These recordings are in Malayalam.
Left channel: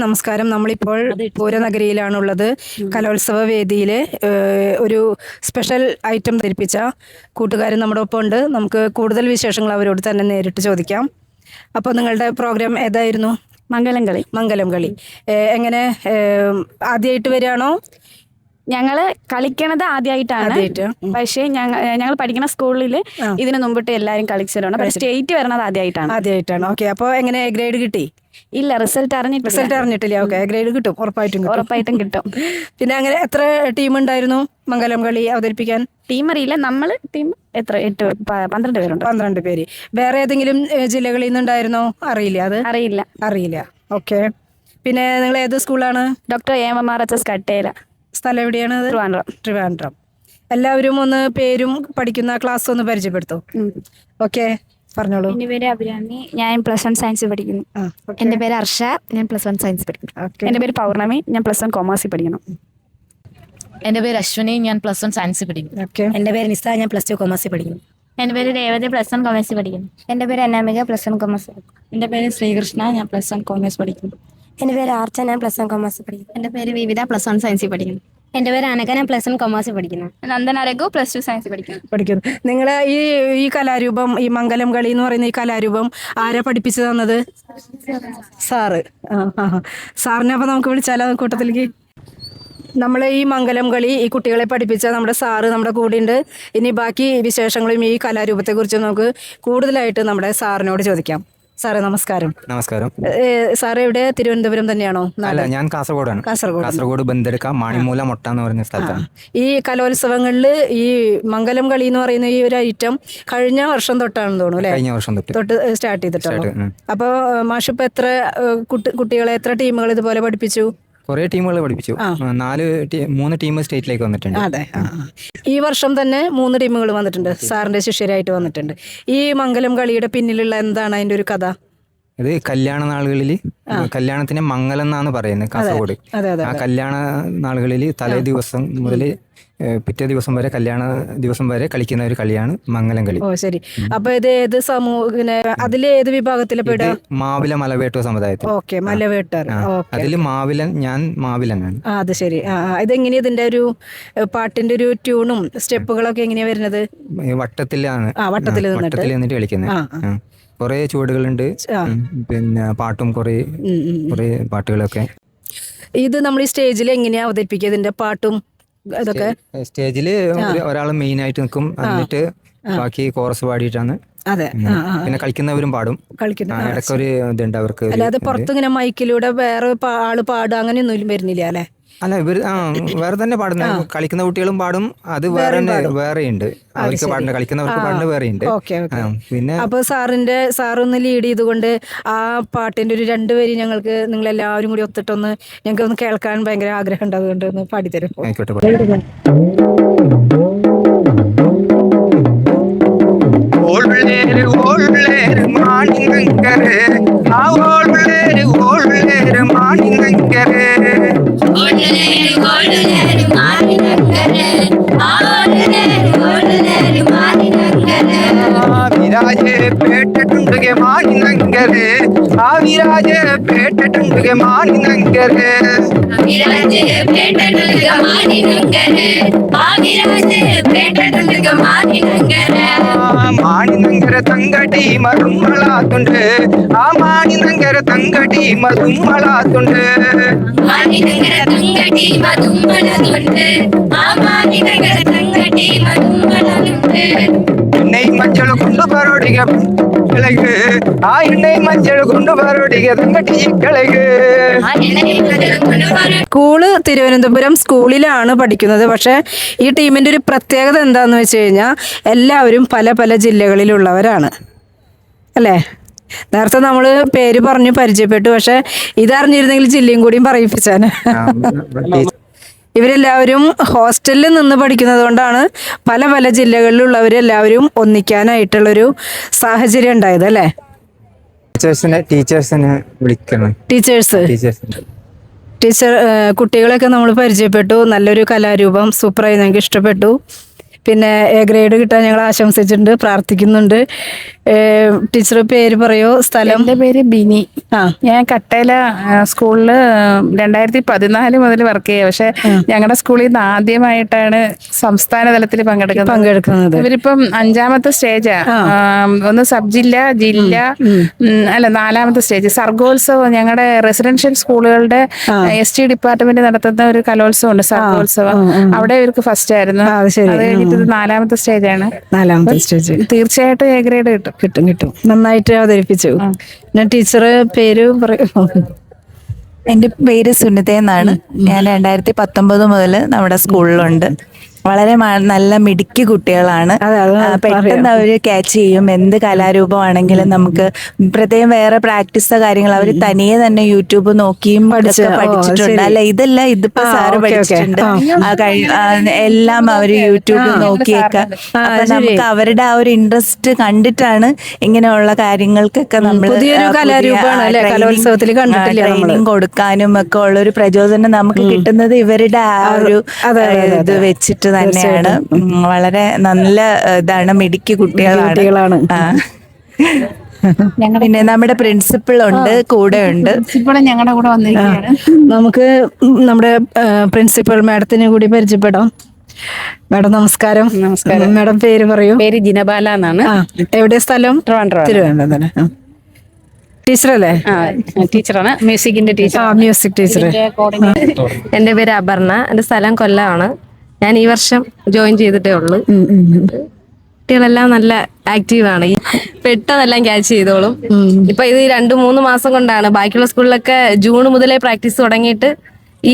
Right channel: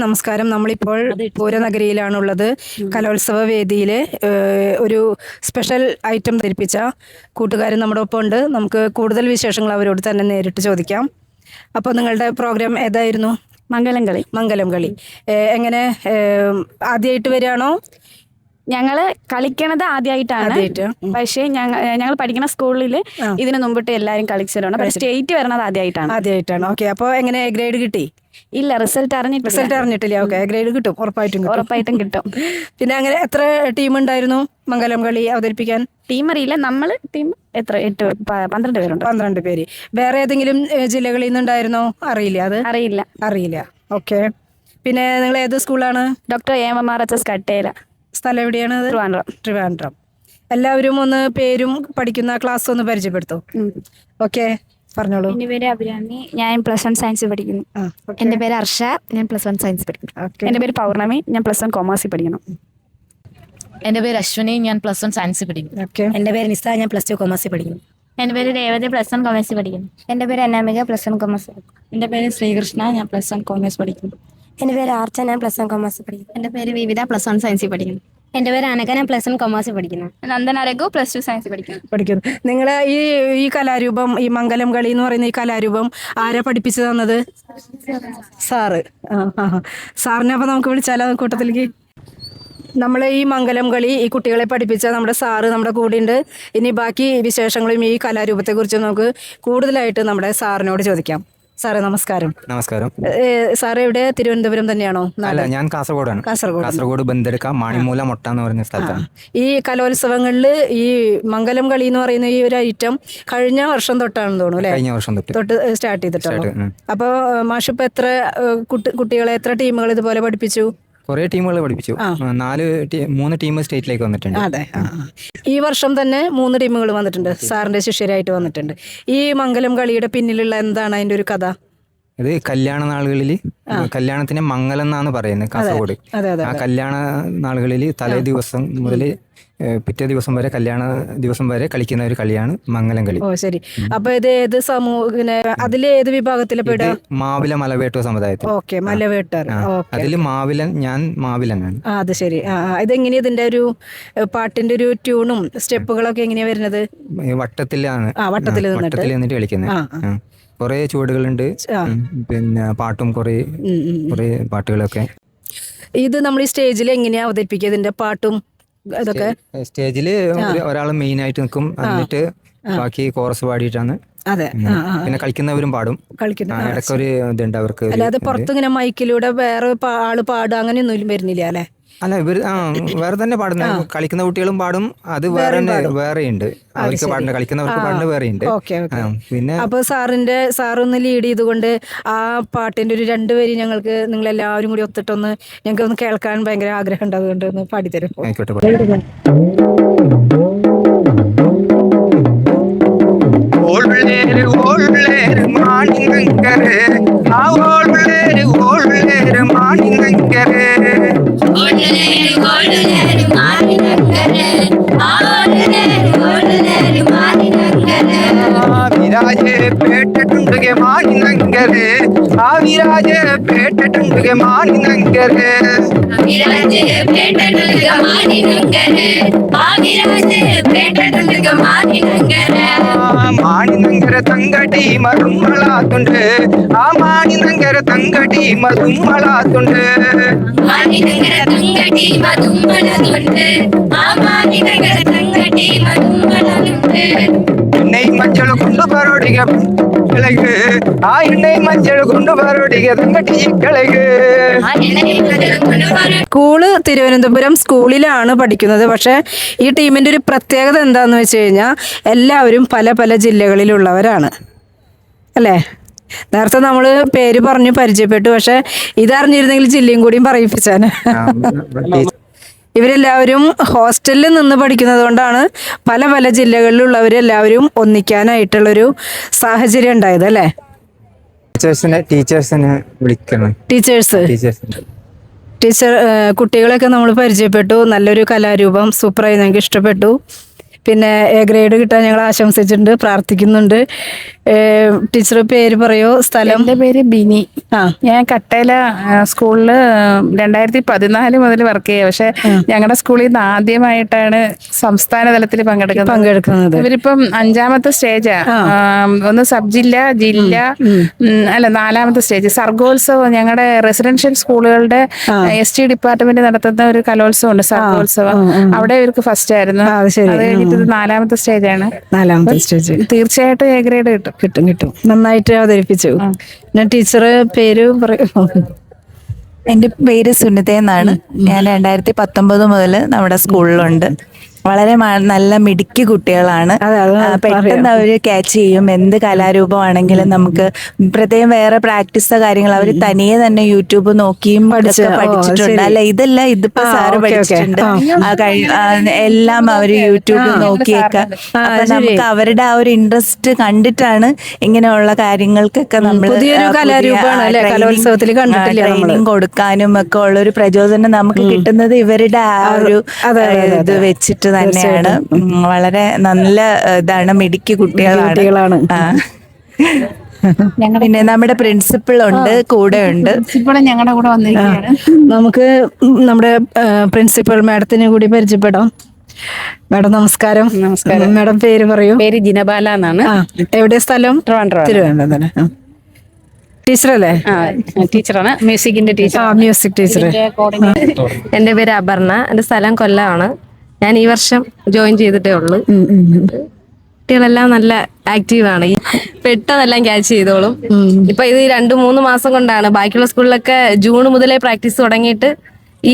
നമസ്കാരം. നമ്മളിപ്പോൾ പൂരനഗരിയിലാണുള്ളത്. കലോത്സവ വേദിയിൽ ഒരു സ്പെഷ്യൽ ഐറ്റം ധരിപ്പിച്ച കൂട്ടുകാരൻ നമ്മുടെ ഒപ്പം ഉണ്ട്. നമുക്ക് കൂടുതൽ വിശേഷങ്ങൾ അവരോട് തന്നെ നേരിട്ട് ചോദിക്കാം. അപ്പോൾ നിങ്ങളുടെ പ്രോഗ്രാം ഏതായിരുന്നു? മംഗലം കളി. എങ്ങനെ ആദ്യമായിട്ട് വരികയാണോ? ഞങ്ങള് കളിക്കണത് ആദ്യമായിട്ടാണ്. പക്ഷേ ഞങ്ങൾ പഠിക്കുന്ന സ്കൂളിൽ ഇതിനു മുമ്പിട്ട് എല്ലാവരും കളിച്ചിട്ടുണ്ട്. പക്ഷേ സ്റ്റേറ്റ് വരണത് ആദ്യമായിട്ടാണ്. ഓക്കെ. അപ്പോൾ എങ്ങനെ ഗ്രേഡ് കിട്ടി? ഇല്ല, റിസൾട്ട് അറിഞ്ഞിട്ടില്ല. ഓക്കെ, ഗ്രേഡ് കിട്ടും, ഉറപ്പായിട്ടും കിട്ടും. പിന്നെ അങ്ങനെ എത്ര ടീം ഉണ്ടായിരുന്നു മംഗലം കളി അവതരിപ്പിക്കാൻ? ടീം അറിയില്ല, നമ്മള് ടീം എത്ര 12 പേരുണ്ട്. 12 പേര്. വേറെ ഏതെങ്കിലും ജില്ലകളിൽ നിന്നുണ്ടായിരുന്നോ? അറിയില്ല. ഓക്കെ. പിന്നെ നിങ്ങൾ ഏത് സ്കൂളാണ്? Doctor AMRHS Kattela. സ്ഥലം എവിടെയാണ്? ട്രിവാൻഡ്രം. എല്ലാവരും ഒന്ന് പേരും പഠിക്കുന്ന ക്ലാസ് ഒന്ന് പരിചയപ്പെടുത്തൂ. ഓക്കെ, പറഞ്ഞോളൂ. എന്റെ പേര് അഭിരാമി, ഞാൻ +1 സയൻസ് പഠിക്കുന്നു. എന്റെ പേര് ഹർഷ, ഞാൻ +1 സയൻസ് പഠിക്കുന്നു. എന്റെ പേര് പൗർണമി, ഞാൻ +1 കൊമേഴ്സിൽ പഠിക്കുന്നു. എന്റെ പേര് അശ്വിനി, ഞാൻ +1 സയൻസ് പഠിക്കുന്നു. എന്റെ പേര് നിസ, ഞാൻ +2 കൊമേഴ്സിൽ പഠിക്കുന്നു. എന്റെ പേര് രേവതി, +1 കൊമേഴ്സിൽ പഠിക്കുന്നു. എന്റെ പേര് അനാമിക, +1 കൊമേഴ്സ്. എന്റെ പേര് ശ്രീകൃഷ്ണ, ഞാൻ +1 കൊമേഴ്സ് പഠിക്കുന്നു. എന്റെ പേര് ആർച്ച, ഞാൻ +1 കൊമേഴ്സ് പഠിക്കുന്നു. എന്റെ പേര് വിവിധ, +1 സയൻസിൽ പഠിക്കുന്നു. എന്റെ പേര് അനക, ഞാൻ +1 കൊമേഴ്സിൽ പഠിക്കുന്നു. നന്ദന രഘു, +2 സയൻസിൽ പഠിക്കുന്നു. നിങ്ങൾ ഈ കലാരൂപം, ഈ മംഗലം കളി എന്ന് പറയുന്ന ഈ കലാരൂപം ആരാ പഠിപ്പിച്ചു തന്നത്? സാറ്. സാറിനെ അപ്പോൾ നമുക്ക് വിളിച്ചാലോ കൂട്ടത്തിലേക്ക്? നമ്മൾ ഈ മംഗലം കളി ഈ കുട്ടികളെ പഠിപ്പിച്ച നമ്മുടെ സാറ് നമ്മുടെ കൂടെയുണ്ട്. ഇനി ബാക്കി വിശേഷങ്ങളും ഈ കലാരൂപത്തെക്കുറിച്ച് നമുക്ക് കൂടുതലായിട്ട് നമ്മുടെ സാറിനോട് ചോദിക്കാം. സാറേ നമസ്കാരം. സാറ് എവിടെ? തിരുവനന്തപുരം തന്നെയാണോ? അല്ല, ഞാൻ കാസർഗോഡാണ്. കാസർഗോഡ് ബന്തെടുക്ക മാണിമൂല മൊട്ട എന്ന് പറയുന്ന സ്ഥലത്താണ്. ഈ കലോത്സവങ്ങളിൽ ഈ മംഗലം കളി എന്ന് പറയുന്ന ഈ ഒരു ഐറ്റം കഴിഞ്ഞ വർഷം തൊട്ടാണെന്ന് തോന്നുന്നു അല്ലേ? കഴിഞ്ഞ വർഷം തൊട്ട് സ്റ്റാർട്ട് ചെയ്തിട്ടുണ്ട്. അപ്പോൾ മാഷിപ്പോൾ എത്ര കുട്ടികളെ, എത്ര ടീമുകൾ ഇതുപോലെ പഠിപ്പിച്ചു? കുറെ ടീമുകൾ പഠിപ്പിച്ചു. 3 ടീം സ്റ്റേറ്റിലേക്ക് വന്നിട്ടുണ്ട്. അതെ. ഈ വർഷം തന്നെ 3 ടീമുകൾ വന്നിട്ടുണ്ട്, സാറിന്റെ ശിഷ്യരായിട്ട് വന്നിട്ടുണ്ട്. ഈ മംഗലം കളിയുടെ പിന്നിലുള്ള എന്താണ് അതിന്റെ ഒരു കഥ? ഇത് കല്യാണ നാളുകളിൽ, കല്യാണത്തിന് മംഗലം എന്നാണ് പറയുന്നത് കാസർഗോഡ്. ആ കല്യാണ നാളുകളിൽ തലേ ദിവസം മുതൽ പിറ്റേ ദിവസം വരെ, കല്യാണ ദിവസം വരെ കളിക്കുന്ന ഒരു കളിയാണ് മംഗലം കളി. ഓ ശരി. അപ്പൊ ഇത് ഏത് അതിലെ ഏത് വിഭാഗത്തിലെ പെടുക? മാവില മലവേട്ട സമുദായത്തിൽ. ഓക്കെ, മലവേട്ടർ. അതിൽ മാവിലൻ, ഞാൻ മാവിലനാണ്. അത് ശരി. ഇതെങ്ങനെയാ ഇതിന്റെ ഒരു പാട്ടിന്റെ ഒരു ട്യൂണും സ്റ്റെപ്പുകളൊക്കെ എങ്ങനെയാ വരുന്നത്? വട്ടത്തിലാണ്, വട്ടത്തിൽ നിന്നിട്ട് കളിക്കുന്നത്. കുറെ ചുവടുകളുണ്ട്, പിന്നെ പാട്ടും കുറെ പാട്ടുകളൊക്കെ. ഇത് നമ്മൾ ഈ സ്റ്റേജിൽ എങ്ങനെയാ അവതരിപ്പിക്കുക ഇതിന്റെ പാട്ടും ഇതൊക്കെ? സ്റ്റേജില് ഒരാൾ മെയിൻ ആയിട്ട് നിൽക്കും, എന്നിട്ട് ബാക്കി കോറസ് പാടിയിട്ടാണ്. അതെ. പിന്നെ കളിക്കുന്നവരും പാടും. ഇടയ്ക്കൊരു ഇതുണ്ട് അവർക്ക്. അല്ലാതെ പുറത്തിങ്ങനെ മൈക്കിലൂടെ വേറെ ആള് പാടുക അങ്ങനെയൊന്നും വരുന്നില്ല അല്ലെ? അല്ല, ഇവർ വേറെ തന്നെ പാടുന്ന, കളിക്കുന്ന കുട്ടികളും പാടും. അത് വേറെയുണ്ട് അവർക്ക് പാടുന്ന, കളിക്കുന്നവർക്ക് പാടുന്ന വേറെയുണ്ട്. പിന്നെ അപ്പൊ സാറൊന്ന് ലീഡ് ചെയ്തുകൊണ്ട് ആ പാട്ടിന്റെ ഒരു 2 വരി ഞങ്ങൾക്ക് നിങ്ങളെല്ലാവരും കൂടി ഒത്തിട്ടൊന്ന് ഞങ്ങൾക്ക് ഒന്ന് കേൾക്കാൻ ഭയങ്കര ആഗ്രഹം ഉണ്ട്. അതുകൊണ്ട് ഒന്ന് പാടിത്തരും. ആയിക്കോട്ടെ. വിരാജെ പേട്ടുണ്ടുಗೆ മാനിനങ്കരെ, ആ വിരാജെ പേട്ടുണ്ടുಗೆ മാനിനങ്കരെ, വിരാജെ പേട്ടുണ്ടുಗೆ മാനിനങ്കരെ, ആ വിരാജെ പേട്ടുണ്ടുಗೆ മാനിനങ്കരെ. മാനിനങ്കര തങ്കടി മറുമളാത്തുണ്ട്, ആ മാനിനങ്കര തങ്കടി മറുമളാത്തുണ്ട്, മാനിനങ്കര തങ്കടി മറുമളാത്തുണ്ട്, ആ മാനിനങ്കര തങ്കടി മറുമളാത്തുണ്ട്. എണ്ണை മച്ചൾ കൊണ്ട് പരോടിക കിളക്, ആ എണ്ണை മച്ചൾ കൊണ്ട് പരോടിക തങ്കടി കിളക്. സ്കൂള് തിരുവനന്തപുരം സ്കൂളിലാണ് പഠിക്കുന്നത്. പക്ഷേ ഈ ടീമിൻ്റെ ഒരു പ്രത്യേകത എന്താണെന്ന് വെച്ച് കഴിഞ്ഞാൽ എല്ലാവരും പല പല ജില്ലകളിലുള്ളവരാണ് അല്ലേ? നേരത്തെ നമ്മൾ പേര് പറഞ്ഞു പരിചയപ്പെട്ടു, പക്ഷെ ഇതറിഞ്ഞിരുന്നെങ്കിൽ ജില്ലയും കൂടിയും പറയിപ്പിച്ചാണ്. ഇവരെല്ലാവരും ഹോസ്റ്റലിൽ നിന്ന് പഠിക്കുന്നത് കൊണ്ടാണ് പല പല ജില്ലകളിലുള്ളവരെല്ലാവരും ഒന്നിക്കാനായിട്ടുള്ളൊരു സാഹചര്യം ഉണ്ടായത് അല്ലേ? കുട്ടികളെയൊക്കെ നമ്മൾ പരിചയപ്പെട്ടു. നല്ലൊരു കലാരൂപം, സൂപ്പറായി, ഞങ്ങൾക്ക് ഇഷ്ടപ്പെട്ടു. പിന്നെ A ഗ്രേഡ് കിട്ടാൻ ഞങ്ങൾ ആശംസിച്ചിട്ടുണ്ട്, പ്രാർത്ഥിക്കുന്നുണ്ട്. ടീച്ചർ പേര് പറയോ, സ്ഥലം? എൻ്റെ പേര് ബിനി. ആ. ഞാൻ കട്ടേല സ്കൂളില് 2014 മുതൽ വർക്ക് ചെയ്യുക. പക്ഷെ ഞങ്ങളുടെ സ്കൂളിൽ നിന്ന് ആദ്യമായിട്ടാണ് സംസ്ഥാന തലത്തിൽ പങ്കെടുക്കുന്നത്. ഇവരിപ്പം 5ാമത്തെ സ്റ്റേജാ. ഒന്ന് സബ് ജില്ല, ജില്ല, അല്ല 4ാമത്തെ സ്റ്റേജ് സർഗോത്സവം. ഞങ്ങളുടെ റെസിഡൻഷ്യൽ സ്കൂളുകളുടെ ST ഡിപ്പാർട്ട്മെന്റ് നടത്തുന്ന ഒരു കലോത്സവമുണ്ട്, സർഗോത്സവം. അവിടെ ഇവർക്ക് ഫസ്റ്റ് ആയിരുന്നു. അത് കഴിഞ്ഞിട്ട് ഇത് 4ാമത്തെ സ്റ്റേജാണ്. 4ാമത്തെ സ്റ്റേജ്. തീർച്ചയായിട്ടും A ഗ്രേഡ് കിട്ടും. നന്നായിട്ട് അവതരിപ്പിച്ചു. ഞാൻ ടീച്ചർ പേര് പറയും. എൻ്റെ പേര് സുനിത എന്നാണ്. ഞാൻ 2019 മുതൽ നമ്മുടെ സ്കൂളിലുണ്ട്. വളരെ നല്ല മിടുക്കി കുട്ടികളാണ്. പെട്ടെന്ന് അവര് ക്യാച്ച് ചെയ്യും. എന്ത് കലാരൂപമാണെങ്കിലും നമുക്ക് പ്രത്യേകം വേറെ പ്രാക്ടീസോ കാര്യങ്ങൾ അവർ തനിയെ തന്നെ യൂട്യൂബ് നോക്കിയും പഠിച്ചിട്ടുണ്ട്. അല്ല ഇതല്ല, ഇതിപ്പോ സാറ് പഠിച്ചിട്ടുണ്ട്. എല്ലാം അവര് യൂട്യൂബ് നോക്കിയൊക്കെ. അപ്പൊ നമുക്ക് അവരുടെ ആ ഒരു ഇൻട്രസ്റ്റ് കണ്ടിട്ടാണ് ഇങ്ങനെയുള്ള കാര്യങ്ങൾക്കൊക്കെ നമ്മൾ ട്രെയിനിങ് കൊടുക്കാനും ഒക്കെ ഉള്ള ഒരു പ്രചോദനം നമുക്ക് കിട്ടുന്നത് ഇവരുടെ ആ ഒരു ഇത് വെച്ചിട്ട് തന്നെയാണ്. വളരെ നല്ല ഇതാണ്, മിടുക്കി കുട്ടികളാണ്. പിന്നെ നമ്മുടെ പ്രിൻസിപ്പൾ ഉണ്ട്, കൂടെ ഉണ്ട്. ഞങ്ങളുടെ കൂടെ വന്നിരിക്കുകയാണ്. നമുക്ക് നമ്മുടെ പ്രിൻസിപ്പൽ മാഡത്തിനെ കൂടി പരിചയപ്പെടാം. മാഡം നമസ്കാരം. മാഡം പേര് പറയൂ. പേര് ജിനബാല എന്നാണ്. എവിടെ സ്ഥലം? തിരുവനന്തപുരം. ടീച്ചറല്ലേ? ടീച്ചറാണ്, മ്യൂസിക്കിന്റെ ടീച്ചർ. Music teacher. എൻ്റെ പേര് അപർണ. എൻ്റെ സ്ഥലം കൊല്ലമാണ്. ഞാൻ ഈ വർഷം ജോയിൻ ചെയ്തിട്ടേ ഉള്ളൂ. കുട്ടികളെല്ലാം നല്ല ആക്റ്റീവാണ്, പെട്ടെന്നെല്ലാം ക്യാച്ച് ചെയ്തോളും. ഇപ്പൊ ഇത് 2-3 മാസം കൊണ്ടാണ്. ബാക്കിയുള്ള സ്കൂളിലൊക്കെ ജൂൺ മുതലേ പ്രാക്ടീസ് തുടങ്ങിയിട്ട്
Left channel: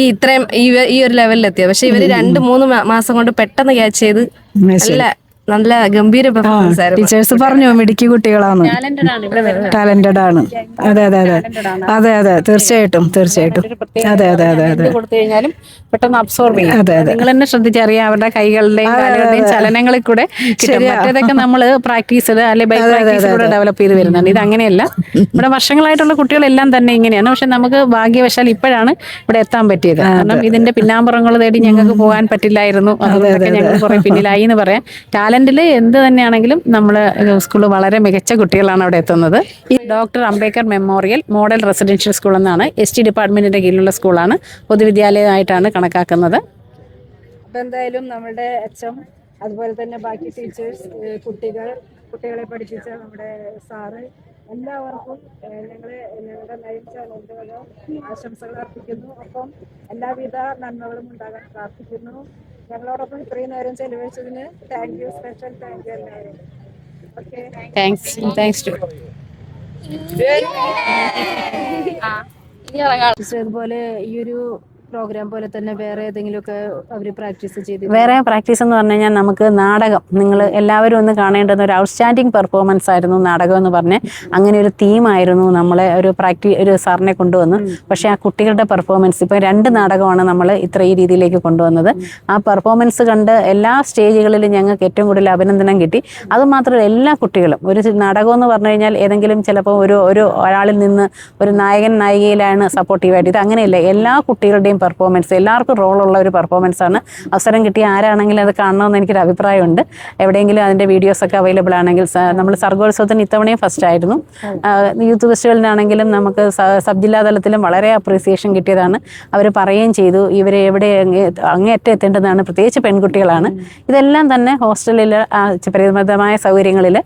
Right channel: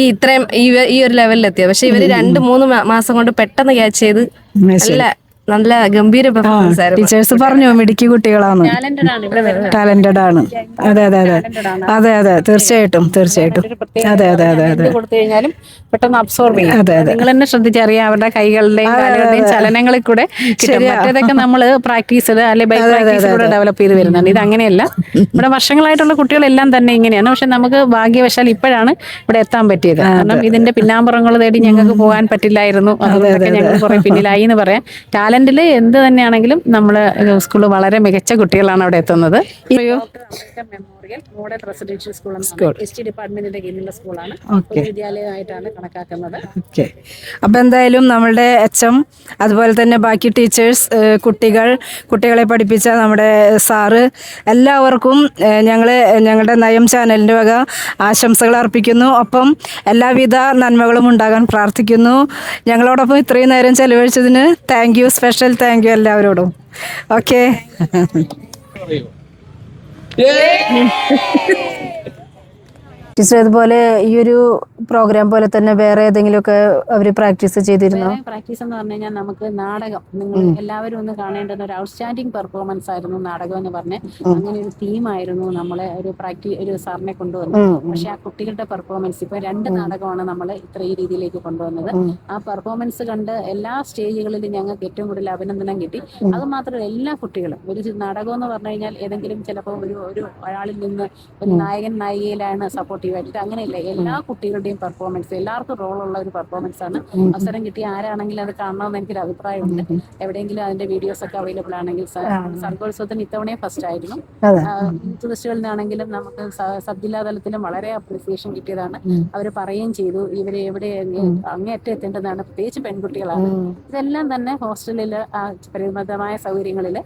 ഇത്രയും ഈ ഒരു ലെവലിലെത്തിയത്. പക്ഷെ ഇവര് 2-3 മാസം കൊണ്ട് പെട്ടെന്ന് ക്യാച്ച് ചെയ്ത് നല്ല ഗംഭീര പെർഫോമൻസ് ആയിരുന്നു. ടീച്ചേഴ്സ് പറഞ്ഞു മിടുക്കി കുട്ടികളാണ്, ടാലന്റഡ് ആണ്. അതെ അതെ അതെ അതെ അതെ തീർച്ചയായിട്ടും തീർച്ചയായിട്ടും. അതെ അതെ അതെ അതെ കൊടുത്തു കഴിഞ്ഞാലും പെട്ടെന്ന് അബ്സോർബ് ചെയ്യും. നിങ്ങൾ തന്നെ ശ്രദ്ധിച്ചറിയാം അവരുടെ കൈകളുടെയും കാലുകളുടെയും ചലനങ്ങളിൽ കൂടെ കിട്ടും. മറ്റേതൊക്കെ നമ്മൾ പ്രാക്ടീസിൽ അല്ലെങ്കിൽ ബൈ പ്രാക്ടീസിലൂടെ ഡെവലപ്പ് ചെയ്ത് വരുന്നുണ്ട്. ഇത് അങ്ങനെയല്ല. ഇവിടെ വർഷങ്ങളായിട്ടുള്ള കുട്ടികളെല്ലാം തന്നെ ഇങ്ങനെയാണ്. പക്ഷെ നമുക്ക് ഭാഗ്യവശാൽ ഇപ്പോഴാണ് ഇവിടെ എത്താൻ പറ്റിയത്. കാരണം ഇതിന്റെ പിന്നാമ്പുറങ്ങൾ തേടി ഞങ്ങൾക്ക് പോകാൻ പറ്റില്ലായിരുന്നു. അതുകൊണ്ടൊക്കെ ഞങ്ങൾ കുറെ പിന്നിലായി എന്ന് പറയാം. ടാലന്റിൽ എന്ത് തന്നെയാണെങ്കിലും നമ്മള് സ്കൂള് വളരെ മികച്ച കുട്ടികളാണ് അവിടെ എത്തുന്നത്. Doctor Ambedkar memorial model residential school എന്നാണ് ST ഡിപ്പാർട്ട്മെന്റിന്റെ കീഴിലുള്ള സ്കൂളാണ്. പൊതുവിദ്യാലയമായിട്ടാണ് കണക്കാക്കുന്നത്. അപ്പൊ എന്തായാലും നമ്മളുടെ HM അതുപോലെ തന്നെ ബാക്കി ടീച്ചേഴ്സ്, കുട്ടികളെ പഠിപ്പിച്ച നമ്മുടെ സാറ്, എല്ലാവർക്കും ഞങ്ങളുടെ നയം ചാനലിൻ്റെ വക ആശംസകൾ അർപ്പിക്കുന്നു. ഒപ്പം എല്ലാവിധ നന്മകളും ഉണ്ടാകാൻ പ്രാർത്ഥിക്കുന്നു. ഞങ്ങളോടൊപ്പം ഇത്രയും നേരം ചെലവഴിച്ചതിന് thank you, special thank you എല്ലാവരോടും. Okay, thanks to teacher. ഇതുപോലെ ഈ ഒരു പ്രോഗ്രാം പോലെ തന്നെ വേറെ ഏതെങ്കിലുമൊക്കെ അവർ പ്രാക്ടീസ് ചെയ്തിട്ട്? വേറെ പ്രാക്ടീസ് എന്ന് പറഞ്ഞു കഴിഞ്ഞാൽ നമുക്ക് നാടകം, നിങ്ങൾ എല്ലാവരും ഒന്ന് കാണേണ്ടുന്ന ഒരു ഔട്ട്സ്റ്റാൻഡിങ് പെർഫോമൻസ് ആയിരുന്നു നാടകം എന്ന് പറഞ്ഞ്. അങ്ങനെ ഒരു തീമായിരുന്നു നമ്മളെ ഒരു സാറിനെ കൊണ്ടുവന്നു. പക്ഷെ ആ കുട്ടികളുടെ പെർഫോമൻസ് ഇപ്പൊ 2 നാടകമാണ് നമ്മൾ ഈ രീതിയിലേക്ക് കൊണ്ടുവന്നത്. ആ പെർഫോമൻസ് കണ്ട് എല്ലാ സ്റ്റേജുകളിലും ഞങ്ങൾക്ക് ഏറ്റവും കൂടുതൽ അഭിനന്ദനം കിട്ടി. അത് മാത്രമല്ല, എല്ലാ കുട്ടികളും ഒരു നാടകം എന്ന് പറഞ്ഞു കഴിഞ്ഞാൽ ഏതെങ്കിലും ചിലപ്പോൾ ഒരാളിൽ നിന്ന് ഒരു നായകൻ നായികയിലാണ് സപ്പോർട്ടീവായിട്ട്. ഇത് അങ്ങനെയല്ല, എല്ലാ കുട്ടികളുടെയും പെർഫോമൻസ്, എല്ലാവർക്കും റോളുള്ള ഒരു പെർഫോമൻസ് ആണ്. അവസരം കിട്ടിയ ആരാണെങ്കിലും അത് കാണണമെന്ന് എനിക്കൊരു അഭിപ്രായമുണ്ട്. എവിടെയെങ്കിലും അതിന്റെ വീഡിയോസ് ഒക്കെ അവൈലബിൾ ആണെങ്കിൽ. നമ്മൾ സർഗോത്സവത്തിന് ഇത്തവണയും ഫസ്റ്റ് ആയിരുന്നു. യൂത്ത് ഫെസ്റ്റിവലിനാണെങ്കിലും നമുക്ക് സബ് ജില്ലാ തലത്തിലും വളരെ അപ്രീസിയേഷൻ കിട്ടിയതാണ്. അവർ പറയുകയും ചെയ്തു ഇവരെ എവിടെ അങ്ങേയറ്റം എത്തേണ്ടതാണ്, പ്രത്യേകിച്ച് പെൺകുട്ടികളാണ്. ഇതെല്ലാം തന്നെ ഹോസ്റ്റലിൽ പരിമിതമായ സൗകര്യങ്ങളിൽ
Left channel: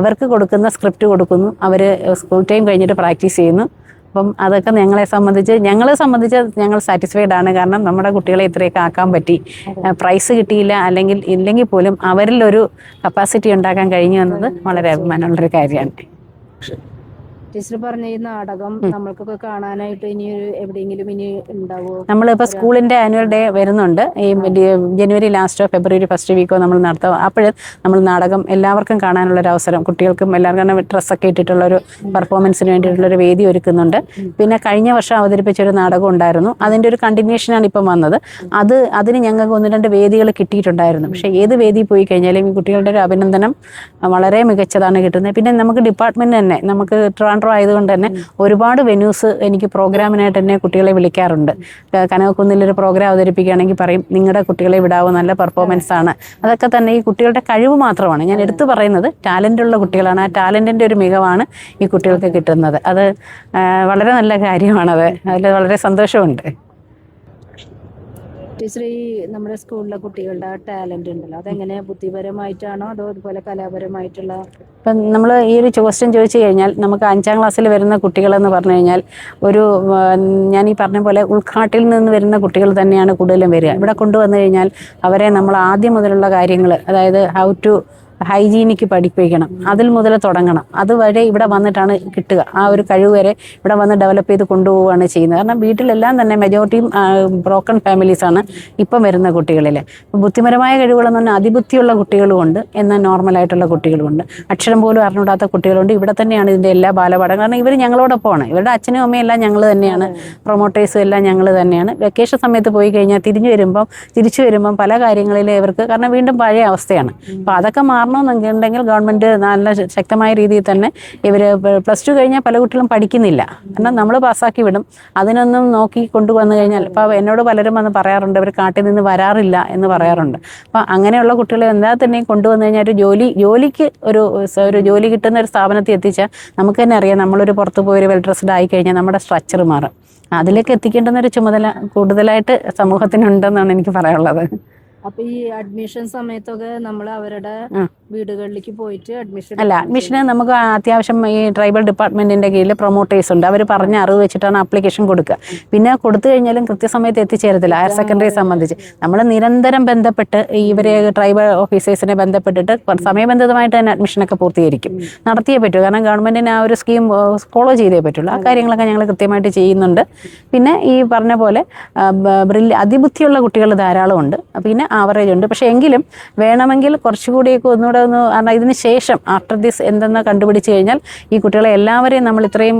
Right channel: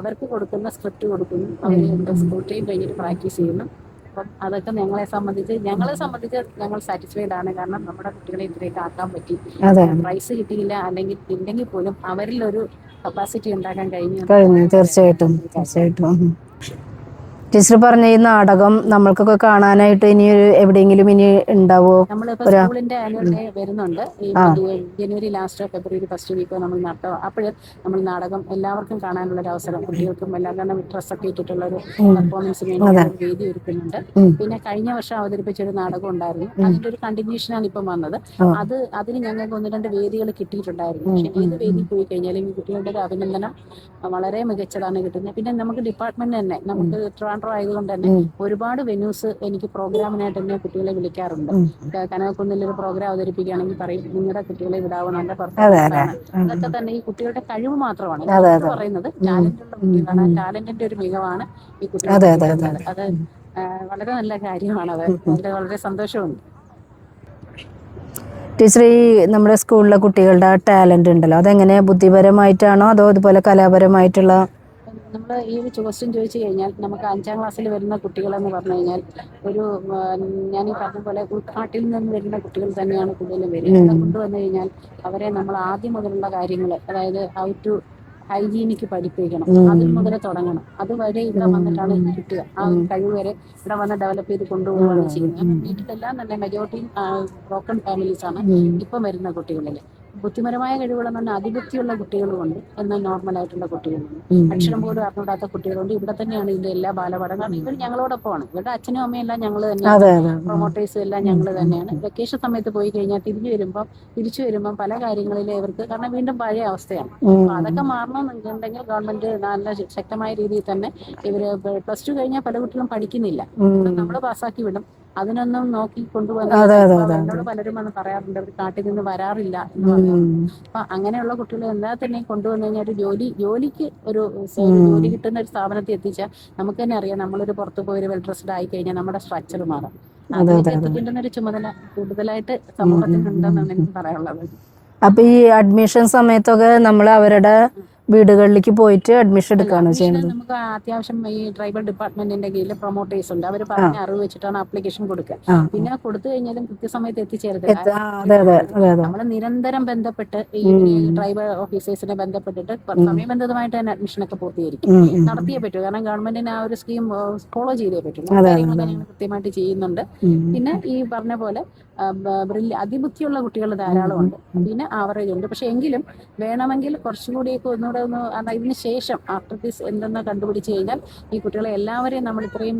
അവർക്ക് കൊടുക്കുന്ന സ്ക്രിപ്റ്റ് കൊടുക്കുന്നു. അവർ സ്കൂൾ ടൈം കഴിഞ്ഞിട്ട് പ്രാക്ടീസ് ചെയ്യുന്നു. അപ്പം അതൊക്കെ ഞങ്ങളെ സംബന്ധിച്ച് ഞങ്ങൾ സാറ്റിസ്ഫൈഡ് ആണ്. കാരണം നമ്മുടെ കുട്ടികളെ ഇത്രയൊക്കെ ആക്കാൻ പറ്റി. പ്രൈസ് കിട്ടിയില്ല ഇല്ലെങ്കിൽ പോലും അവരിൽ ഒരു കപ്പാസിറ്റി ഉണ്ടാക്കാൻ കഴിഞ്ഞു എന്നത് വളരെ അഭിമാനമുള്ളൊരു കാര്യമാണ്. ടീച്ചർ പറഞ്ഞ ഈ നാടകം നമ്മൾക്കൊക്കെ കാണാനായിട്ട് ഇനി എവിടെയെങ്കിലും ഇനി ഉണ്ടാവോ? നമ്മളിപ്പോൾ സ്കൂളിന്റെ ആനുവൽ ഡേ വരുന്നുണ്ട്. ഈ ജനുവരി ലാസ്റ്റോ ഫെബ്രുവരി ഫസ്റ്റ് വീക്കോ നമ്മൾ നടത്തും. അപ്പോൾ നമ്മൾ നാടകം എല്ലാവർക്കും കാണാനുള്ളൊരു അവസരം, കുട്ടികൾക്കും എല്ലാവർക്കും ഡ്രസ്സൊക്കെ ഇട്ടിട്ടുള്ള ഒരു പെർഫോമൻസിന് വേണ്ടിയുള്ളൊരു വേദി ഒരുക്കുന്നുണ്ട്. പിന്നെ കഴിഞ്ഞ വർഷം അവതരിപ്പിച്ചൊരു നാടകം ഉണ്ടായിരുന്നു. അതിന്റെ ഒരു കണ്ടിന്യൂഷനാണ് ഇപ്പം വന്നത്. അതിന് ഞങ്ങൾക്ക് 1-2 വേദികൾ കിട്ടിയിട്ടുണ്ടായിരുന്നു. പക്ഷേ ഏത് വേദി പോയി കഴിഞ്ഞാലും ഈ കുട്ടികളുടെ ഒരു അഭിനന്ദനം വളരെ മികച്ചതാണ് കിട്ടുന്നത്. പിന്നെ നമുക്ക് ഡിപ്പാർട്ട്മെന്റ് തന്നെ, നമുക്ക് ട്രിവാൻഡ്രം ട്രിവാൻഡ്രം ആയതുകൊണ്ട് തന്നെ ഒരുപാട് വെന്യൂസ് എനിക്ക് പ്രോഗ്രാമിനായിട്ട് തന്നെ കുട്ടികളെ വിളിക്കാറുണ്ട്. കനകക്കുന്നിലൊരു പ്രോഗ്രാം അവതരിപ്പിക്കുകയാണെങ്കിൽ പറയും നിങ്ങളുടെ കുട്ടികളെ വിടാവോ, നല്ല പെർഫോമൻസ് ആണ്. അതൊക്കെ തന്നെ ഈ കുട്ടികളുടെ കഴിവ് മാത്രമാണ് ഞാൻ എടുത്തു പറയുന്നത്. ടാലൻ്റുള്ള കുട്ടികളാണ്. ആ ടാലൻറ്റിൻ്റെ ഒരു മികവാണ് ഈ കുട്ടികൾക്ക് കിട്ടുന്നത്. അത് വളരെ നല്ല കാര്യമാണത്. അതിൽ വളരെ സന്തോഷമുണ്ട്. ടീച്ചർ, ഈ നമ്മുടെ സ്കൂളിലെ കുട്ടികളുടെ ടാലൻ്റ് ഉണ്ടല്ലോ, അതെങ്ങനെ ബുദ്ധിപരമായിട്ടാണോ അതോ ഇതുപോലെ കലാപരമായിട്ടുള്ള? ഇപ്പം നമ്മൾ ഈ ഒരു ക്വസ്റ്റ്യൻ ചോദിച്ചു കഴിഞ്ഞാൽ നമുക്ക് 5ാം ക്ലാസ്സിൽ വരുന്ന കുട്ടികളെന്ന് പറഞ്ഞു കഴിഞ്ഞാൽ ഞാൻ ഈ പറഞ്ഞ പോലെ ഉൾക്കാട്ടിൽ നിന്ന് വരുന്ന കുട്ടികൾ തന്നെയാണ് കൂടുതലും വരിക. ഇവിടെ കൊണ്ടുവന്നു കഴിഞ്ഞാൽ അവരെ നമ്മൾ ആദ്യം മുതലുള്ള കാര്യങ്ങൾ, അതായത് ഹൗ ടു ഹൈജീനിക്ക് പഠിപ്പിക്കണം. അതിൽ മുതൽ തുടങ്ങണം. അതുവരെ ഇവിടെ വന്നിട്ടാണ് കിട്ടുക. ആ ഒരു കഴിവ് വരെ ഇവിടെ വന്ന് ഡെവലപ്പ് ചെയ്ത് കൊണ്ടുപോവുകയാണ് ചെയ്യുന്നത്. കാരണം വീട്ടിലെല്ലാം തന്നെ മെജോറിറ്റിയും ബ്രോക്കൺ ഫാമിലീസാണ് ഇപ്പം വരുന്ന കുട്ടികളിൽ. ബുദ്ധിപരമായ കഴിവുകളെന്ന് പറഞ്ഞാൽ അതിബുദ്ധിയുള്ള കുട്ടികളുമുണ്ട്, എന്നാൽ നോർമലായിട്ടുള്ള കുട്ടികളുമുണ്ട്. അക്ഷരം പോലും അറിഞ്ഞൂടാത്ത കുട്ടികളുണ്ട്. ഇവിടെ തന്നെയാണ് ഇതിൻ്റെ എല്ലാ ബാലപാഠം. കാരണം ഇവർ ഞങ്ങളോടൊപ്പമാണ്. ഇവരുടെ അച്ഛനും അമ്മയും എല്ലാം ഞങ്ങൾ തന്നെയാണ്, പ്രൊമോട്ടേഴ്സും എല്ലാം ഞങ്ങൾ തന്നെയാണ്. വെക്കേഷൻ സമയത്ത് പോയി കഴിഞ്ഞാൽ തിരിച്ചു വരുമ്പം പല കാര്യങ്ങളിലും ഇവർക്ക്, കാരണം വീണ്ടും പഴയ അവസ്ഥയാണ്. അപ്പോൾ അതൊക്കെ മാറണമെന്നുണ്ടെങ്കിൽ ഗവൺമെൻറ് നല്ല ശക്തമായ രീതിയിൽ തന്നെ ഇവർ +2 കഴിഞ്ഞാൽ പല കുട്ടികളും പഠിക്കുന്നില്ല. കാരണം നമ്മൾ പാസ്സാക്കി വിടും. അതിനൊന്നും നോക്കി കൊണ്ടുവന്നു കഴിഞ്ഞാൽ ഇപ്പോൾ എന്നോട് പലരും വന്ന് പറയാറുണ്ട് ഇവർ കാട്ടിൽ നിന്ന് വരാറില്ല എന്ന് പറയാറുണ്ട്. അപ്പം അങ്ങനെയുള്ള കുട്ടികളെ എന്താ തന്നെ കൊണ്ടുവന്നു കഴിഞ്ഞാൽ ഒരു ജോലിക്ക് ഒരു ജോലി കിട്ടുന്ന ഒരു സ്ഥാപനത്തിൽ എത്തിച്ചാൽ നമുക്ക് തന്നെ അറിയാം, നമ്മളൊരു പുറത്ത് പോയി ഒരു വെൽ ഡ്രസ്ഡ് ആയി കഴിഞ്ഞാൽ നമ്മുടെ സ്ട്രക്ചർ മാറും. അതിലേക്ക് എത്തിക്കേണ്ടുന്ന ഒരു ചുമതല കൂടുതലായിട്ട് സമൂഹത്തിനുണ്ടെന്നാണ് എനിക്ക് പറയാനുള്ളത്. അപ്പൊ ഈ അഡ്മിഷൻ സമയത്തൊക്കെ നമ്മൾ അവരുടെ വീടുകളിലേക്ക് പോയിട്ട് അഡ്മിഷൻ നമുക്ക് അത്യാവശ്യം ഈ ട്രൈബൽ ഡിപ്പാർട്ട്മെന്റിന്റെ കീഴിൽ പ്രൊമോട്ടേഴ്സ് ഉണ്ട്. അവർ പറഞ്ഞ അറിവ് വെച്ചിട്ടാണ് ആപ്ലിക്കേഷൻ കൊടുക്കുക. പിന്നെ കൊടുത്തു കഴിഞ്ഞാലും കൃത്യസമയത്ത് എത്തിച്ചേരത്തില്ല. ഹയർ സെക്കൻഡറി സംബന്ധിച്ച് നമ്മൾ നിരന്തരം ബന്ധപ്പെട്ട് ഇവരെ ട്രൈബൽ ഓഫീസേഴ്സിനെ ബന്ധപ്പെട്ടിട്ട് സമയബന്ധിതമായിട്ട് തന്നെ അഡ്മിഷനൊക്കെ പൂർത്തീകരിക്കും. നടത്തിയേ പറ്റൂ. കാരണം ഗവൺമെന്റിന് ആ ഒരു സ്കീം ഫോളോ ചെയ്തേ പറ്റുള്ളൂ. ആ കാര്യങ്ങളൊക്കെ ഞങ്ങൾ കൃത്യമായിട്ട് ചെയ്യുന്നുണ്ട്. പിന്നെ ഈ പറഞ്ഞ പോലെ അതിബുദ്ധിയുള്ള കുട്ടികൾ ധാരാളം ഉണ്ട്. പിന്നെ ആവറേജ് ഉണ്ട്. പക്ഷെ എങ്കിലും വേണമെങ്കിൽ കുറച്ചുകൂടിയൊക്കെ ഒന്നുകൂടെ കാരണം ഇതിന് ശേഷം ആഫ്റ്റർ ദിസ് എന്തെന്ന് കണ്ടുപിടിച്ച് കഴിഞ്ഞാൽ ഈ കുട്ടികളെ എല്ലാവരെയും നമ്മൾ ഇത്രയും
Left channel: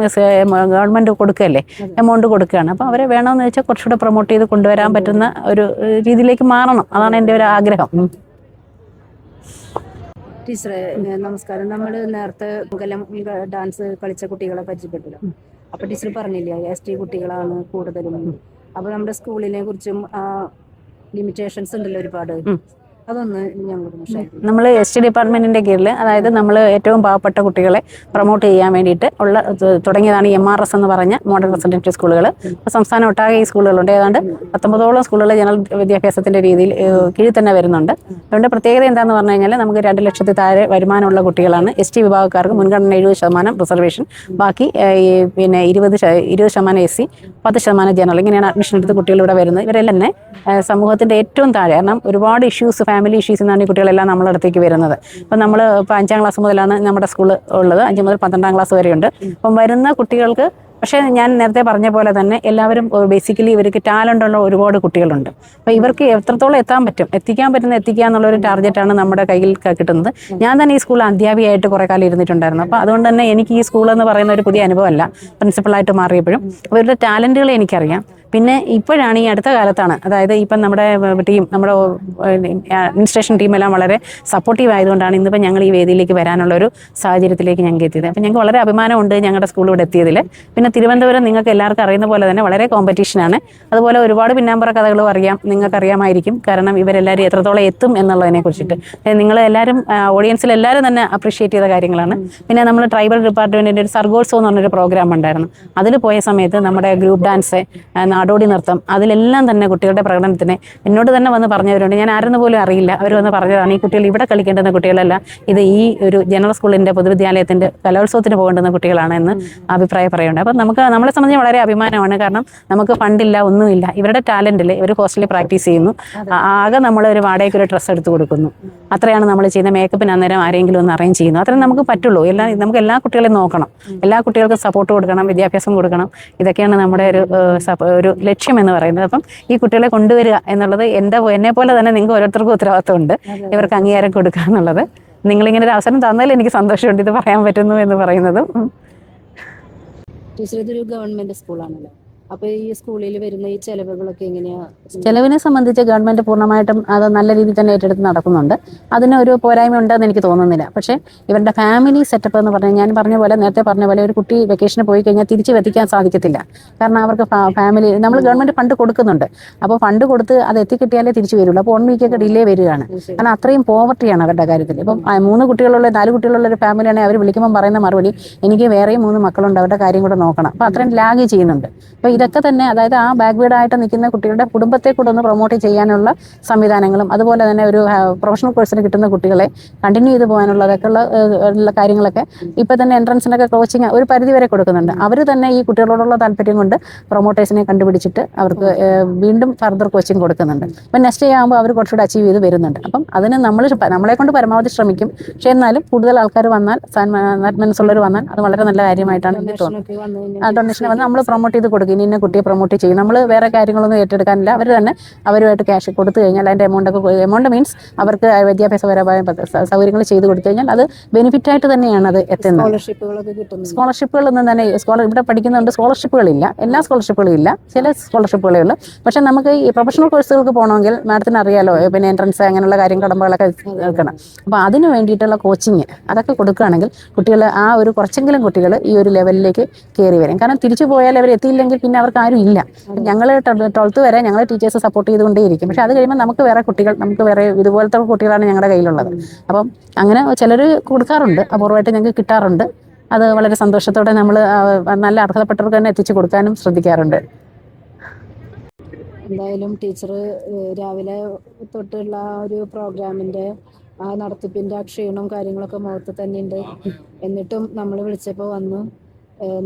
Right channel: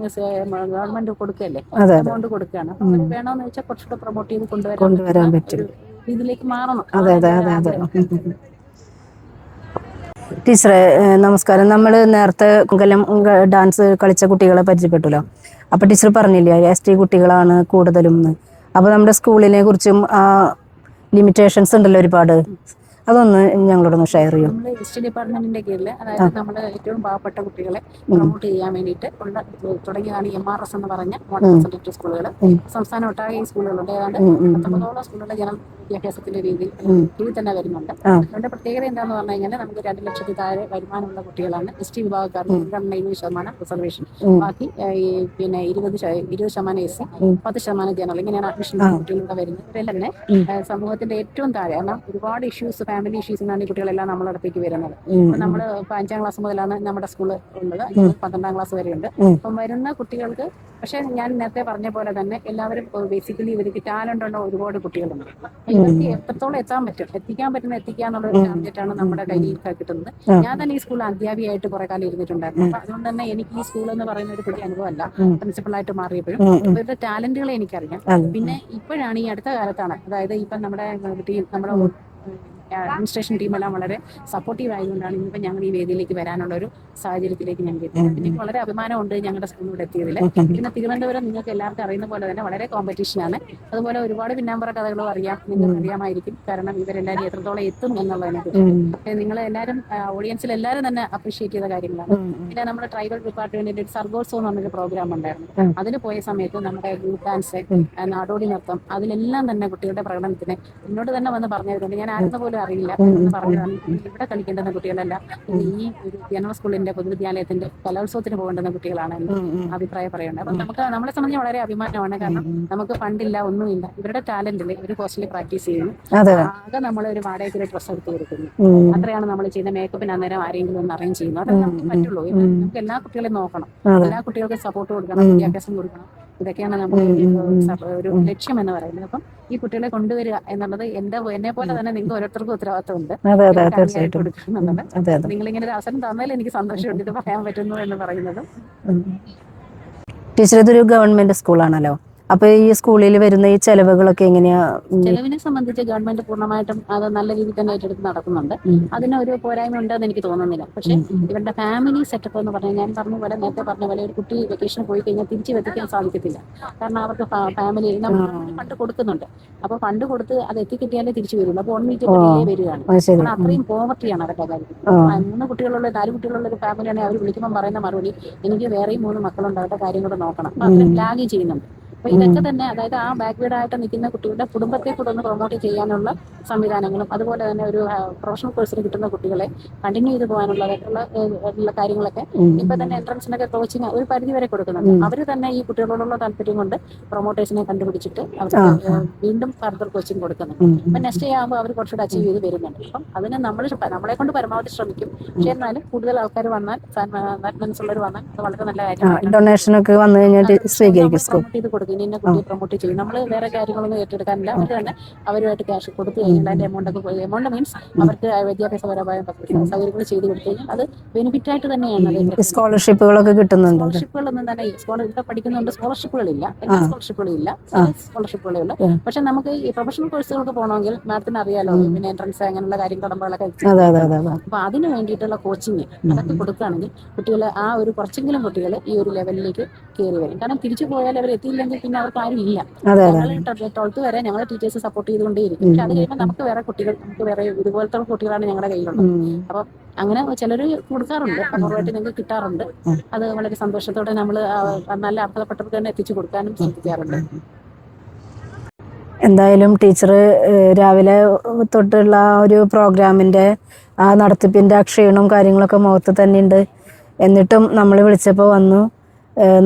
ഗവൺമെന്റ് കൊടുക്കുകയല്ലേ, എമൗണ്ട് കൊടുക്കുകയാണ്. അപ്പോൾ അവരെ വേണമെന്ന് വെച്ചാൽ കുറച്ചുകൂടെ പ്രൊമോട്ട് ചെയ്ത് കൊണ്ടുവരാൻ പറ്റുന്ന ഒരു രീതിയിലേക്ക് മാറണം. അതാണ് എൻ്റെ ഒരു ആഗ്രഹം. ടീച്ചറെ നമസ്കാരം. നമ്മൾ നേരത്തെ മംഗലം ഡാൻസ് കളിച്ച കുട്ടികളെ പരിചയപ്പെട്ടല്ലോ. അപ്പോൾ ടീച്ചർ പറഞ്ഞില്ലേ ST കുട്ടികളാണ് കൂടുതലും. അപ്പോൾ നമ്മുടെ സ്കൂളിനെ കുറിച്ചും ലിമിറ്റേഷൻസ് ഉണ്ടല്ലോ ഒരുപാട്, അതൊന്ന് ഞങ്ങളോടൊന്ന് ഷെയർ ചെയ്യും. നമ്മൾ ST ഡിപ്പാർട്ട്മെന്റിന്റെ കീഴിൽ, അതായത് നമ്മൾ ഏറ്റവും പാവപ്പെട്ട കുട്ടികളെ പ്രൊമോട്ട് ചെയ്യാൻ വേണ്ടിയിട്ട് തുടങ്ങിയതാണ് MRS എന്ന് പറഞ്ഞ മോഡൽ റെസിഡൻഷ്യൽ സ്കൂളുകൾ. അപ്പോൾ സംസ്ഥാനം ഒട്ടാകെ ഈ സ്കൂളുകളുണ്ട്. ഏതാണ്ട് 19ഓളം സ്കൂളുകൾ ജനറൽ വിദ്യാഭ്യാസത്തിന്റെ രീതിയിൽ കീഴിൽ തന്നെ വരുന്നുണ്ട്. അതുകൊണ്ട് പ്രത്യേകത എന്താണെന്ന് പറഞ്ഞു കഴിഞ്ഞാൽ നമുക്ക് 2 ലക്ഷത്തിൽ താഴെ വരുമാനമുള്ള കുട്ടികളാണ്. ST വിഭാഗക്കാർക്ക് മുൻഗണന 70% റിസർവേഷൻ, ബാക്കി പിന്നെ 20% SC, 10% ജനറൽ. ഇങ്ങനെയാണ് അഡ്മിഷൻ എടുത്ത് കുട്ടികൾ ഇവിടെ വരുന്നത്. ഇവരെല്ലാം തന്നെ സമൂഹത്തിന്റെ ഏറ്റവും താഴെ, കാരണം ഒരുപാട് ഇഷ്യൂസ്, ഫാമിലി ഇഷ്യൂസ് എന്നാണ് ഈ കുട്ടികളെല്ലാം നമ്മളെ അടുത്തേക്ക് വരുന്നത്. അപ്പം നമ്മൾ ഇപ്പോൾ 5ാം ക്ലാസ് മുതലാണ് നമ്മുടെ സ്കൂൾ ഉള്ളത്. 5 മുതൽ 12ാം ക്ലാസ് വരെയുണ്ട്. അപ്പം വരുന്ന കുട്ടികൾക്ക് പക്ഷേ ഞാൻ നേരത്തെ പറഞ്ഞ പോലെ തന്നെ എല്ലാവരും ബേസിക്കലി ഇവർക്ക് ടാലൻ്റ് ഉള്ള ഒരുപാട് കുട്ടികളുണ്ട്. അപ്പോൾ ഇവർക്ക് എത്രത്തോളം എത്തിക്കാൻ പറ്റുന്ന എന്നുള്ളൊരു ടാർഗറ്റാണ് നമ്മുടെ കയ്യിൽ കിട്ടുന്നത്. ഞാൻ തന്നെ ഈ സ്കൂളിൽ അധ്യാപികയായിട്ട് കുറേ കാലം ഇരുന്നിട്ടുണ്ടായിരുന്നു. അപ്പോൾ അതുകൊണ്ട് തന്നെ എനിക്ക് ഈ സ്കൂൾ എന്ന് പറയുന്ന ഒരു പുതിയ അനുഭവമല്ല. പ്രിൻസിപ്പളായിട്ട് മാറിയപ്പോഴും ഇവരുടെ ടാലൻറ്റുകളെ എനിക്കറിയാം. പിന്നെ ഇപ്പോഴാണ് ഈ അടുത്ത കാലത്താണ്, അതായത് ഇപ്പം നമ്മുടെ ടീം, നമ്മുടെ അഡ്മിനിസ്ട്രേഷൻ ടീമെല്ലാം വളരെ സപ്പോർട്ടീവ് ആയതുകൊണ്ടാണ് ഇന്നിപ്പോൾ ഞങ്ങൾ ഈ വേദിയിലേക്ക് വരാനുള്ളൊരു സാഹചര്യത്തിലേക്ക് ഞങ്ങൾക്ക് എത്തിയത്. അപ്പം ഞങ്ങൾക്ക് വളരെ അഭിമാനമുണ്ട് ഞങ്ങളുടെ സ്കൂൾ ഇവിടെ എത്തിയതിൽ. പിന്നെ തിരുവനന്തപുരം നിങ്ങൾക്ക് എല്ലാവർക്കും അറിയുന്ന പോലെ തന്നെ വളരെ കോമ്പറ്റീഷനാണ്. അതുപോലെ ഒരുപാട് പിന്നാമ്പറ കഥകളും അറിയാം, നിങ്ങൾക്ക് അറിയാമായിരിക്കും. കാരണം ഇവരെല്ലാവരും എത്രത്തോളം എത്തും എന്നുള്ളതിനെ കുറിച്ചിട്ട് നിങ്ങളെല്ലാവരും ഓഡിയൻസിൽ എല്ലാവരും തന്നെ അപ്രീഷിയേറ്റ് ചെയ്ത കാര്യങ്ങളാണ്. പിന്നെ നമ്മൾ ട്രൈബൽ ഡിപ്പാർട്ട്മെന്റിന്റെ ഒരു സർഗോത്സവം എന്ന് പറഞ്ഞൊരു പ്രോഗ്രാം ഉണ്ടായിരുന്നു. അതിൽ പോയ സമയത്ത് നമ്മുടെ ഗ്രൂപ്പ് ഡാൻസ്, നാടോടി നൃത്തം, അതിലെല്ലാം തന്നെ കുട്ടികളുടെ പ്രകടനത്തിന് എന്നോട് തന്നെ വന്ന് പറഞ്ഞവരുണ്ട്. ഞാൻ ആരെന്ന് പോലും അറിയില്ല. അവർ വന്ന് പറഞ്ഞതാണ് ഈ കുട്ടികൾ ഇവിടെ കളിക്കേണ്ടുന്ന കുട്ടികളല്ല, ഇത് ഈ ഒരു ജനറൽ സ്കൂളിന്റെ പൊതുവിദ്യാലയത്തിന്റെ കലോത്സവത്തിന് പോകേണ്ടുന്ന കുട്ടികളാണ് എന്ന് അഭിപ്രായം പറയുന്നുണ്ട്. അപ്പം നമ്മളെ സംബന്ധിച്ച് വളരെ അഭിമാനമാണ്. കാരണം നമുക്ക് ഫണ്ടില്ല, ഒന്നുമില്ല. ഇവരുടെ ടാലന്റിൽ ഇവർ ഹോസ്റ്റലിൽ പ്രാക്ടീസ് ചെയ്യുന്നു. ആകെ നമ്മൾ ഒരു വാടകയ്ക്ക് ഒരു ഡ്രസ്സ് എടുത്ത് കൊടുക്കുന്നു. അത്രയാണ് നമ്മൾ ചെയ്യുന്ന. മേക്കപ്പിന് അന്നേരം ആരെങ്കിലും ഒന്ന് അറേഞ്ച് ചെയ്യുന്നു. അത്രയും നമുക്ക് പറ്റുള്ളൂ. നമുക്ക് എല്ലാ കുട്ടികളെയും നോക്കണം, എല്ലാ കുട്ടികൾക്കും സപ്പോർട്ട് കൊടുക്കണം, വിദ്യാഭ്യാസം കൊടുക്കണം. ഇതൊക്കെയാണ് നമ്മുടെ ഒരു ലക്ഷ്യം എന്ന് പറയുന്നത്. അപ്പം ഈ കുട്ടികളെ കൊണ്ടുവരിക എന്നുള്ളത് എന്നെ പോലെ തന്നെ നിങ്ങൾക്ക് ഓരോരുത്തർക്കും ഉത്തരവാദിത്തമുണ്ട്. ഇവർക്ക് അംഗീകാരം കൊടുക്കുക എന്നുള്ളത്. നിങ്ങളിങ്ങനെ ഒരു അവസരം തന്നാലും എനിക്ക് സന്തോഷമുണ്ട് ഇത് പറയാൻ പറ്റുന്നു എന്ന് പറയുന്നതും. ടീച്ചർ, ഇതൊരു ഗവൺമെന്റ് സ്കൂളാണല്ലോ. അപ്പോൾ ഈ സ്കൂളിൽ വരുന്ന ഈ ചെലവുകളൊക്കെ എങ്ങനെയാ? ചെലവിനെ സംബന്ധിച്ച് ഗവൺമെന്റ് പൂർണ്ണമായിട്ടും അത് നല്ല രീതിയിൽ തന്നെ ഏറ്റെടുത്ത് നടക്കുന്നുണ്ട്. അതിന് ഒരു പോരായ്മ ഉണ്ടെന്ന് എനിക്ക് തോന്നുന്നില്ല. പക്ഷേ ഇവരുടെ ഫാമിലി സെറ്റപ്പ് എന്ന് പറഞ്ഞാൽ ഞാൻ പറഞ്ഞ പോലെ നേരത്തെ പറഞ്ഞ പോലെ ഒരു കുട്ടി വെക്കേഷന് പോയി കഴിഞ്ഞാൽ തിരിച്ച് എത്തിക്കാൻ സാധിക്കത്തില്ല. കാരണം അവർക്ക് ഫാമിലി നമ്മൾ ഗവൺമെന്റ് ഫണ്ട് കൊടുക്കുന്നുണ്ട്. അപ്പോൾ ഫണ്ട് കൊടുത്ത് അത് എത്തിക്കിട്ടിയാലേ തിരിച്ചു വരുള്ളൂ. അപ്പോൾ 1 വീക്കൊക്കെ ഡിലേ വരികയാണ്. കാരണം അത്രയും പോവർട്ടിയാണ് അവരുടെ കാര്യത്തിൽ. ഇപ്പം 3 കുട്ടികളുള്ള 4 കുട്ടികളുള്ള ഒരു ഫാമിലിയാണെങ്കിൽ അവർ വിളിക്കുമ്പോൾ പറയുന്ന മറുപടി എനിക്ക് വേറെയും 3 മക്കളുണ്ട്, അവരുടെ കാര്യം കൂടെ നോക്കണം. അപ്പോൾ അത്രയും ലാഗ് ചെയ്യുന്നുണ്ട്. അപ്പോൾ ഇതൊക്കെ തന്നെ അതായത് ആ ബാക്ക്വേർഡായിട്ട് നിൽക്കുന്ന കുട്ടികളുടെ കുടുംബത്തെ കൂടെ ഒന്ന് പ്രൊമോട്ട് ചെയ്യാനുള്ള സംവിധാനങ്ങളും അതുപോലെ തന്നെ ഒരു പ്രൊഫഷണൽ കോഴ്സിന് കിട്ടുന്ന കുട്ടികളെ കണ്ടിന്യൂ ചെയ്ത് പോകാനുള്ളതൊക്കെ ഉള്ള കാര്യങ്ങളൊക്കെ ഇപ്പൊ തന്നെ എൻട്രൻസിനൊക്കെ കോച്ചിങ് ഒരു പരിധി വരെ കൊടുക്കുന്നുണ്ട്. അവർ തന്നെ ഈ കുട്ടികളോടുള്ള താല്പര്യം കൊണ്ട് പ്രൊമോട്ടേഴ്സിനെ കണ്ടുപിടിച്ചിട്ട് അവർക്ക് വീണ്ടും ഫർദർ കോച്ചിങ് കൊടുക്കുന്നുണ്ട്. അപ്പം നെക്സ്റ്റ് ഇയർ ആകുമ്പോൾ അവർ കുറച്ചുകൂടെ അച്ചീവ് ചെയ്ത് വരുന്നുണ്ട്. അപ്പം അതിന് നമ്മളെ കൊണ്ട് പരമാവധി ശ്രമിക്കും. പക്ഷെ എന്നാലും കൂടുതൽ ആൾക്കാർ വന്നാൽ മനസ്സുള്ളവർ വന്നാൽ അത് വളരെ നല്ല കാര്യമായിട്ടാണ്. ഡൊണേഷനൊക്കെ വന്നു കഴിഞ്ഞാൽ നമ്മൾ പ്രൊമോട്ട് ചെയ്ത് കൊടുക്കും. ഇന്ന കുട്ടിയെ പ്രൊമോട്ട് ചെയ്യും. നമ്മൾ വേറെ കാര്യങ്ങളൊന്നും ഏറ്റെടുക്കാനില്ല. അവർ തന്നെ അവരുമായിട്ട് ക്യാഷ് കൊടുത്തു കഴിഞ്ഞാൽ അതിന്റെ എമൗണ്ട് മീൻസ് അവർക്ക് വിദ്യാഭ്യാസപരമായ സൗകര്യങ്ങൾ ചെയ്ത് കൊടുത്തു കഴിഞ്ഞാൽ അത് ബെനിഫിറ്റ് ആയിട്ട് തന്നെയാണ് അത് എത്തുന്നത്. സ്കോളർഷിപ്പുകളൊക്കെ കിട്ടുന്നു. സ്കോളർഷിപ്പുകളൊന്നും തന്നെ ഇവിടെ പഠിക്കുന്നുണ്ട്. സ്കോളർഷിപ്പുകളില്ല, എല്ലാ സ്കോളർഷിപ്പുകളും ഇല്ല, ചില സ്കോളർഷിപ്പുകളേ ഉള്ളൂ. പക്ഷെ നമുക്ക് ഈ പ്രൊഫഷണൽ കോഴ്സുകൾക്ക് പോകണമെങ്കിൽ മാഡത്തിന് അറിയാലോ, പിന്നെ എൻട്രൻസ് അങ്ങനെയുള്ള കാര്യം കടമ്പകളൊക്കെ അപ്പൊ അതിന് വേണ്ടിയിട്ടുള്ള കോച്ചിങ് അതൊക്കെ കൊടുക്കുകയാണെങ്കിൽ കുട്ടികൾ ആ ഒരു കുറച്ചെങ്കിലും കുട്ടികൾ ഈ ഒരു ലെവലിലേക്ക് കയറി വരും. കാരണം തിരിച്ചു പോയാൽ അവർ എത്തിയില്ലെങ്കിൽ പിന്നെ അവർക്ക് ആരും ഇല്ല. ഞങ്ങൾ 12th വരെ ഞങ്ങൾ ടീച്ചേഴ്സ് സപ്പോർട്ട് ചെയ്തുകൊണ്ടേയിരിക്കും. പക്ഷെ അത് കഴിയുമ്പോൾ നമുക്ക് വേറെ ഇതുപോലത്തെ കുട്ടികളാണ് ഞങ്ങളുടെ കയ്യിലുള്ളത്. അപ്പം അങ്ങനെ ചിലർ കൊടുക്കാറുണ്ട്, അപൂർവമായിട്ട് ഞങ്ങൾക്ക് കിട്ടാറുണ്ട്. അത് വളരെ സന്തോഷത്തോടെ നമ്മൾ നല്ല അർഹതപ്പെട്ടവർക്ക് തന്നെ എത്തിച്ചു കൊടുക്കാനും ശ്രദ്ധിക്കാറുണ്ട്. എന്തായാലും ടീച്ചർ രാവിലെ തൊട്ടുള്ള ഒരു പ്രോഗ്രാമിൻ്റെ ആ നടത്തിപ്പിൻ്റെ ആ ക്ഷീണവും കാര്യങ്ങളൊക്കെ മുഖത്ത് തന്നെയുണ്ട്. എന്നിട്ടും നമ്മൾ വിളിച്ചപ്പോൾ വന്നു.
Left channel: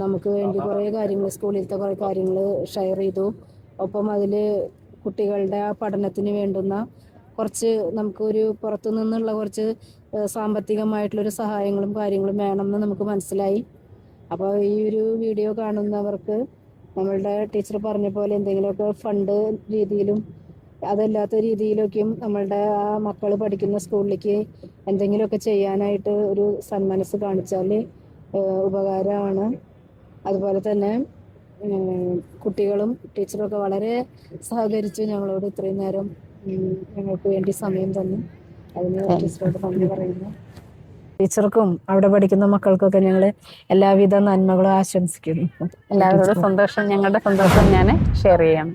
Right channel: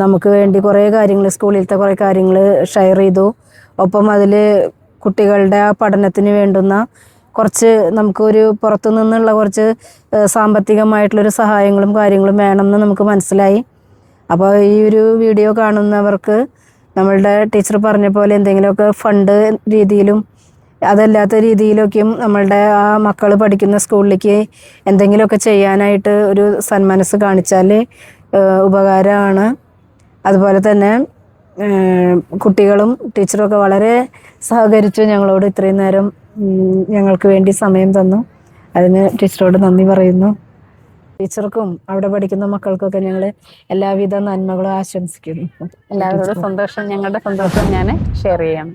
നമുക്ക് വേണ്ടി കുറേ കാര്യങ്ങൾ, സ്കൂളിലത്തെ കുറേ കാര്യങ്ങൾ ഷെയർ ചെയ്തു. ഒപ്പം അതിൽ കുട്ടികളുടെ ആ പഠനത്തിന് വേണ്ടുന്ന കുറച്ച് നമുക്കൊരു പുറത്തു നിന്നുള്ള കുറച്ച് സാമ്പത്തികമായിട്ടുള്ളൊരു സഹായങ്ങളും കാര്യങ്ങളും വേണമെന്ന് നമുക്ക് മനസ്സിലായി. അപ്പോൾ ഈ ഒരു വീഡിയോ കാണുന്നവർക്ക് നമ്മളുടെ ടീച്ചർ പറഞ്ഞ പോലെ എന്തെങ്കിലുമൊക്കെ ഫണ്ട് രീതിയിലും അതല്ലാത്ത രീതിയിലൊക്കെയും നമ്മളുടെ ആ മക്കൾ പഠിക്കുന്ന സ്കൂളിലേക്ക് എന്തെങ്കിലുമൊക്കെ ചെയ്യാനായിട്ട് ഒരു സന്മനസ് കാണിച്ചാൽ ഉപകാരമാണ്. അതുപോലെ തന്നെ കുട്ടികളും ടീച്ചറൊക്കെ വളരെ സഹകരിച്ചു ഞങ്ങളോട് ഇത്രയും നേരം ഞങ്ങൾക്ക് വേണ്ടി സമയം തന്നു. അതിന് ടീച്ചറോട് നന്ദി പറയുന്നു. ടീച്ചർക്കും അവിടെ പഠിക്കുന്ന മക്കൾക്കൊക്കെ ഞങ്ങൾ എല്ലാവിധ നന്മകളും ആശംസിക്കുന്നു. എല്ലാവരോടും സന്തോഷം, ഞങ്ങളുടെ സന്തോഷം ഞാൻ ഷെയർ ചെയ്യാം.